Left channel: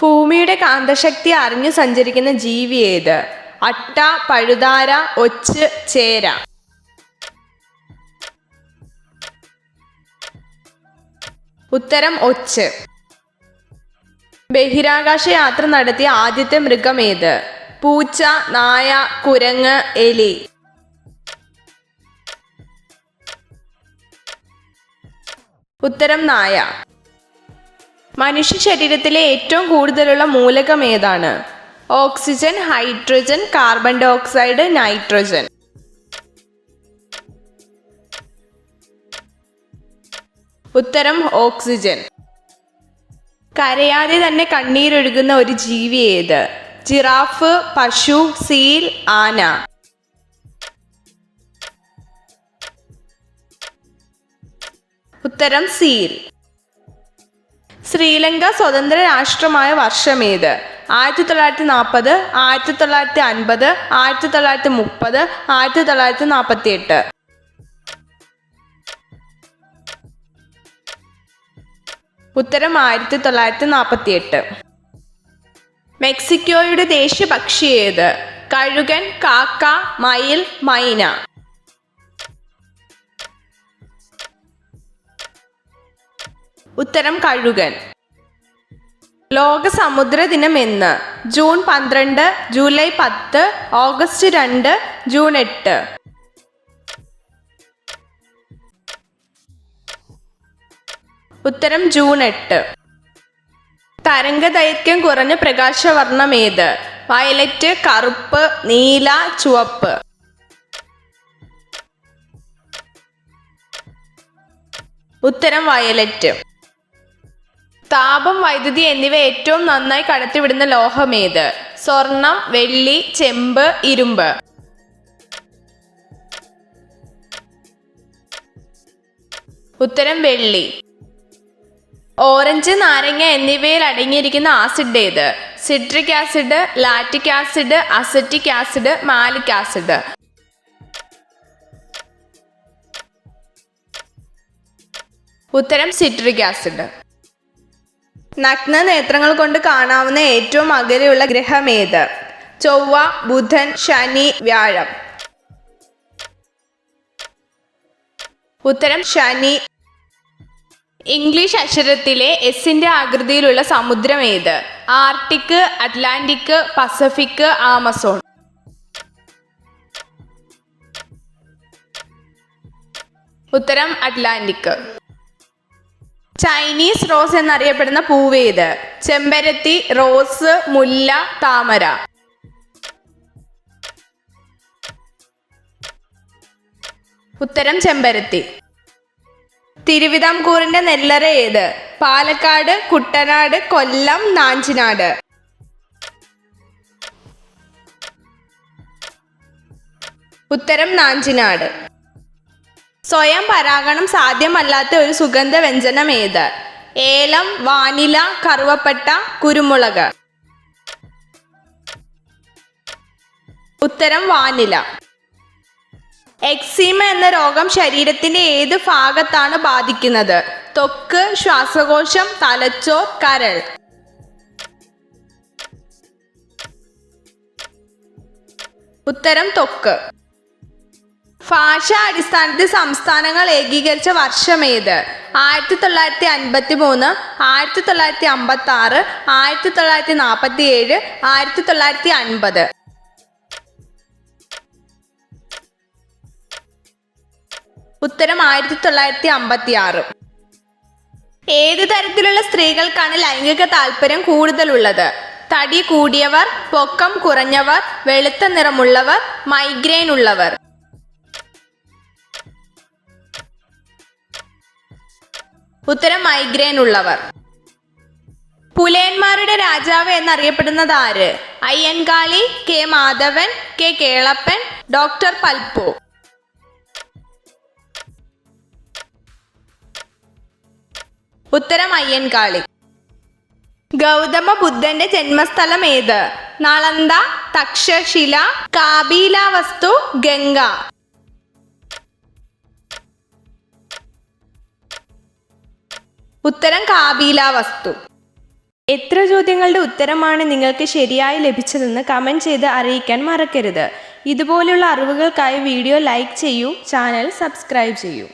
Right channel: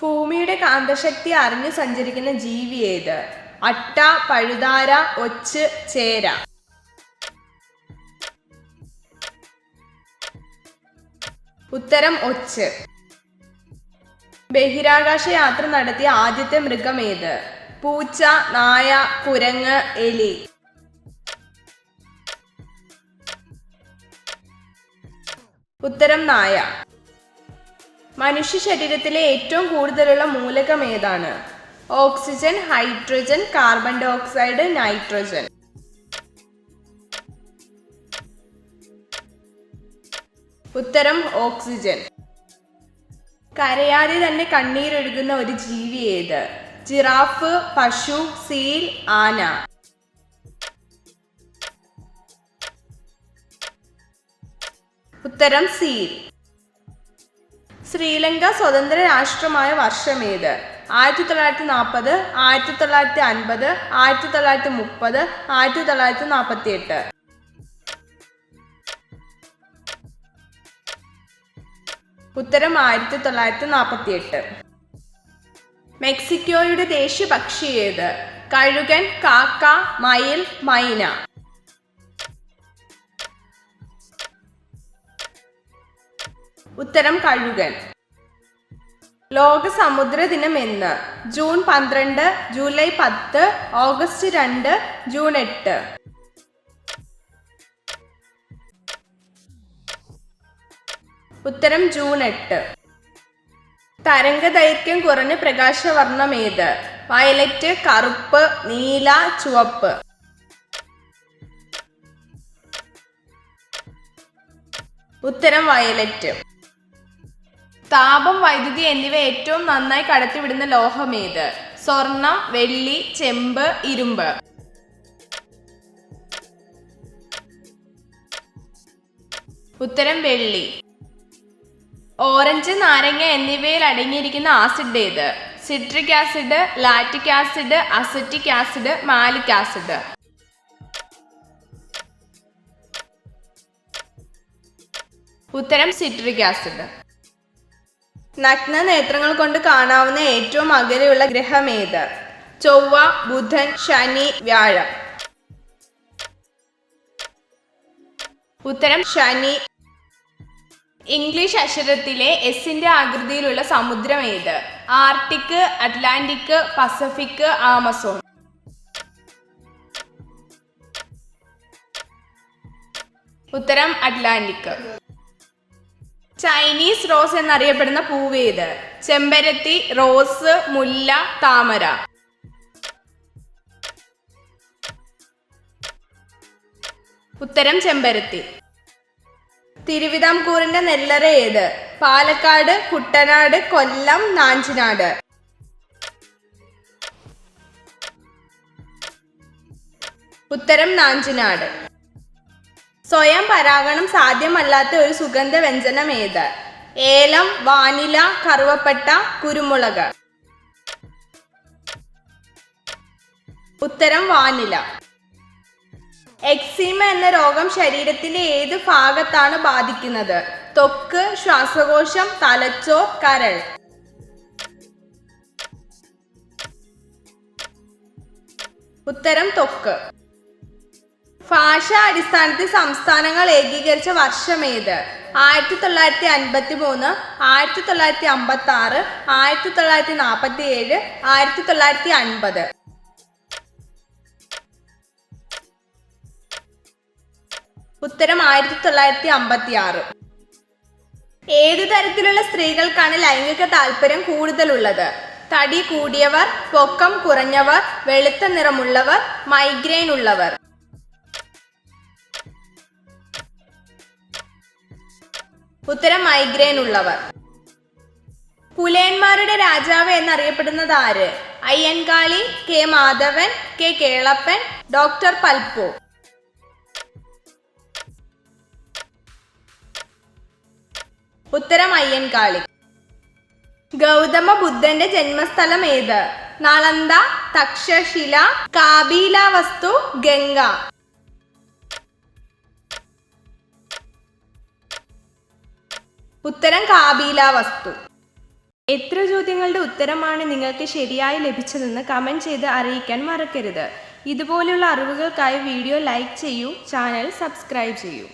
ഭൂമിയുടെ കാന്തശക്തി അറിഞ്ഞു സഞ്ചരിക്കുന്ന ജീവി ഏത്? അട്ട, പഴുതാര, ഒച്ച്, ചേര. ഉത്തരം ഒച്ച്. ബഹിരാകാശ യാത്ര നടത്തിയ ആദ്യത്തെ മൃഗം ഏത്? പൂച്ച, നായ, കുരങ്ങ്, എലി. ഉത്തരം നായ. മനുഷ്യ ശരീരത്തിലെ ഏറ്റവും കൂടുതലുള്ള മൂലകം ഏതാണ്? Oxygen, hydrogen, carbon dioxide, nitrogen. ഉത്തരം ഓക്സിജൻ. കരയാതെ തന്നെ കണ്ണീരൊഴുകുന്ന ഒരു ജീവി ഏത്? ജിറാഫ്, പശു, സീൽ, ആന. ഉത്തരം സീൽ. ശ്രീലങ്ക സ്വതന്ത്ര രാഷ്ട്രമായ വർഷമേത്? 1940, 1950, 1930, 1948. ഉത്തരം 1948. മെക്സിക്കോയുടെ ദേശീയ പക്ഷി ഏത്? കഴുകൻ, കാക്ക, മയിൽ, മൈന. ഉത്തരം കഴുകൻ. ലോക സമുദ്ര ദിനം എന്ന്? June 12, July 10, August 2, June 8. ഉത്തരം ജൂൺ 8. തരംഗദൈർഘ്യം കുറഞ്ഞ പ്രകാശവർണ്ണം ഏത്? വയലറ്റ്, കറുപ്പ്, നീല, ചുവപ്പ്. ഉത്തരം വയലറ്റ്. താപം, വൈദ്യുതി എന്നിവ ഏറ്റവും നന്നായി കടത്തിവിടുന്ന ലോഹം ഏത്? സ്വർണം, വെള്ളി, ചെമ്പ്, ഇരുമ്പ്. ഉത്തരം വെള്ളി. ഓറഞ്ച്, നാരങ്ങ എന്നിവയിൽ അടങ്ങിയിരിക്കുന്ന ആസിഡ് ഏത്? Citric acid, lactic acid, acetic acid, malic acid. ഉത്തരം സിട്രിക് ആസിഡ്. നഗ്ന നേത്രങ്ങൾ കൊണ്ട് കാണാവുന്ന ഏറ്റവും അകലെയുള്ള ഗ്രഹം ഏത്? ചൊവ്വ, ബുധൻ, ശനി, വ്യാഴം. ഉത്തരം ശനി. ഇംഗ്ലീഷ് അക്ഷരത്തിലെ എസിന്റെ ആകൃതിയിലുള്ള സമുദ്രം ഏത്? Arctic, Atlantic, Pacific, Amazon. ഉത്തരം അറ്റ്ലാന്റിക്. ചൈനീസ് റോസ് എന്നറിയപ്പെടുന്ന പൂവേത്? ചെമ്പരത്തി, റോസ്, മുല്ല, താമര. ഉത്തരം ചെമ്പരത്തി. തിരുവിതാംകൂറിന്റെ നെല്ലറ ഏത്? പാലക്കാട്, കുട്ടനാട്, കൊല്ലം, നാഞ്ചിനാട്. ഉത്തരം നാഞ്ചിനാട്. സ്വയം പരാഗണം സാധ്യമല്ലാത്ത ഒരു സുഗന്ധ വ്യഞ്ജനം ഏത്? ഏലം, വാനില, കറുവപ്പട്ട, കുരുമുളക്. ഉത്തരം വാനില. എക്സീമ എന്ന രോഗം ശരീരത്തിന്റെ ഏത് ഭാഗത്താണ് ബാധിക്കുന്നത്? ത്വക്ക്, ശ്വാസകോശം, തലച്ചോർ, കരൾ. ഉത്തരം ത്വക്ക്. ഭാഷാ അടിസ്ഥാനത്തിൽ സംസ്ഥാനങ്ങൾ ഏകീകരിച്ച വർഷമേത്? 1953, 1956, 1947, 1950. ഉത്തരം 1956. ഏതു തരത്തിലുള്ള സ്ത്രീകൾക്കാണ് ലൈംഗിക താല്പര്യം കൂടുതലുള്ളത്? തടി കൂടിയവർ, പൊക്കം കുറഞ്ഞവർ, വെളുത്ത നിറമുള്ളവർ, മൈഗ്രെയിൻ ഉള്ളവർ. ഉത്തരം മൈഗ്രെയിൻ ഉള്ളവർ. പുലയന്മാരുടെ രാജാവ് എന്നറിയപ്പെടുന്നത് ആര്? Ayyankali, K Madhavan, K Kelappan, doctor Palpu. ഉത്തരം അയ്യൻകാളി. ഗൗതമ ബുദ്ധന്റെ ജന്മസ്ഥലം ഏത്? നളന്ദ, തക്ഷശില, കാപിലവസ്തു, ഗംഗ. ഉത്തരം കാപിലവസ്തു. എത്ര ചോദ്യങ്ങളുടെ ഉത്തരമാണ് നിങ്ങൾക്ക് ശരിയായി ലഭിച്ചതെന്ന് കമൻറ്റ് ചെയ്ത് അറിയിക്കാൻ മറക്കരുത്. ഇതുപോലുള്ള അറിവുകൾക്കായി വീഡിയോ ലൈക്ക് ചെയ്യൂ, ചാനൽ സബ്സ്ക്രൈബ് ചെയ്യൂ.